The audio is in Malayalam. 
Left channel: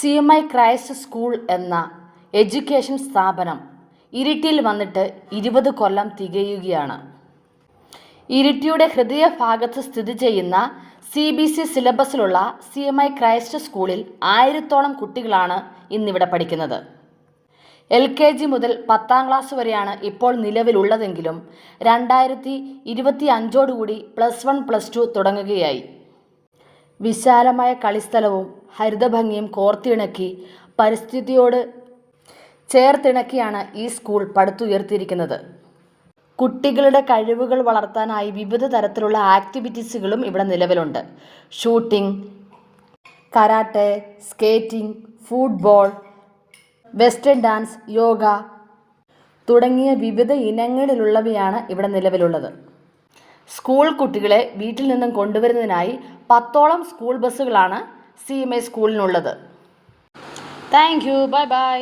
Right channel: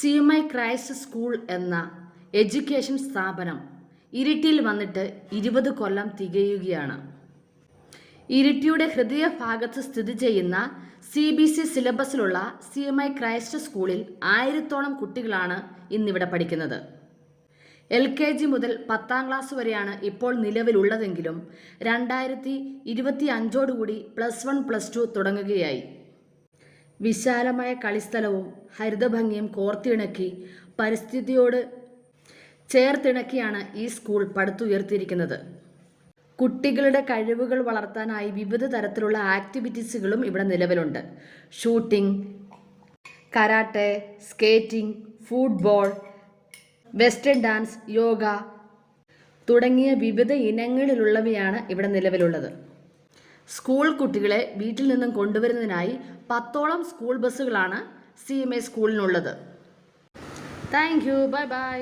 CMI ക്രൈസ്റ്റ് സ്കൂൾ എന്ന എഡ്യൂക്കേഷൻ സ്ഥാപനം ഇരിട്ടിയിൽ വന്നിട്ട് 20 കൊല്ലം തികയുകയാണ്. ഇരിട്ടിയുടെ ഹൃദയഭാഗത്ത് സ്ഥിതി ചെയ്യുന്ന CBSE സിലബസിലുള്ള CMI ക്രൈസ്റ്റ് സ്കൂളിൽ 1000-ഓളം കുട്ടികളാണ് ഇന്നിവിടെ പഠിക്കുന്നത്. LKG മുതൽ 10ാം ക്ലാസ് വരെയാണ് ഇപ്പോൾ നിലവിലുള്ളതെങ്കിലും 2025ഓടുകൂടി +1 +2 തുടങ്ങുകയായി. വിശാലമായ കളിസ്ഥലവും ഹരിതഭംഗിയും കോർത്തിണക്കി പരിസ്ഥിതിയോട് ചേർത്തിണക്കിയാണ് ഈ സ്കൂൾ പടുത്തുയർത്തിയിരിക്കുന്നത്. കുട്ടികളുടെ കഴിവുകൾ വളർത്താനായി വിവിധ തരത്തിലുള്ള ആക്ടിവിറ്റീസുകളും ഇവിടെ നിലവിലുണ്ട്. Shooting, karate, skating, football, western dance, yoga തുടങ്ങിയ വിവിധ ഇനങ്ങളിലുള്ളവയാണ് ഇവിടെ നിലവിലുള്ളത്. സ്കൂൾ കുട്ടികളെ വീട്ടിൽ നിന്നും കൊണ്ടുവരുന്നതിനായി 10ഓളം സ്കൂൾ ബസ്സുകളാണ് CMI സ്കൂളിനുള്ളത്. Thank you. Bye by.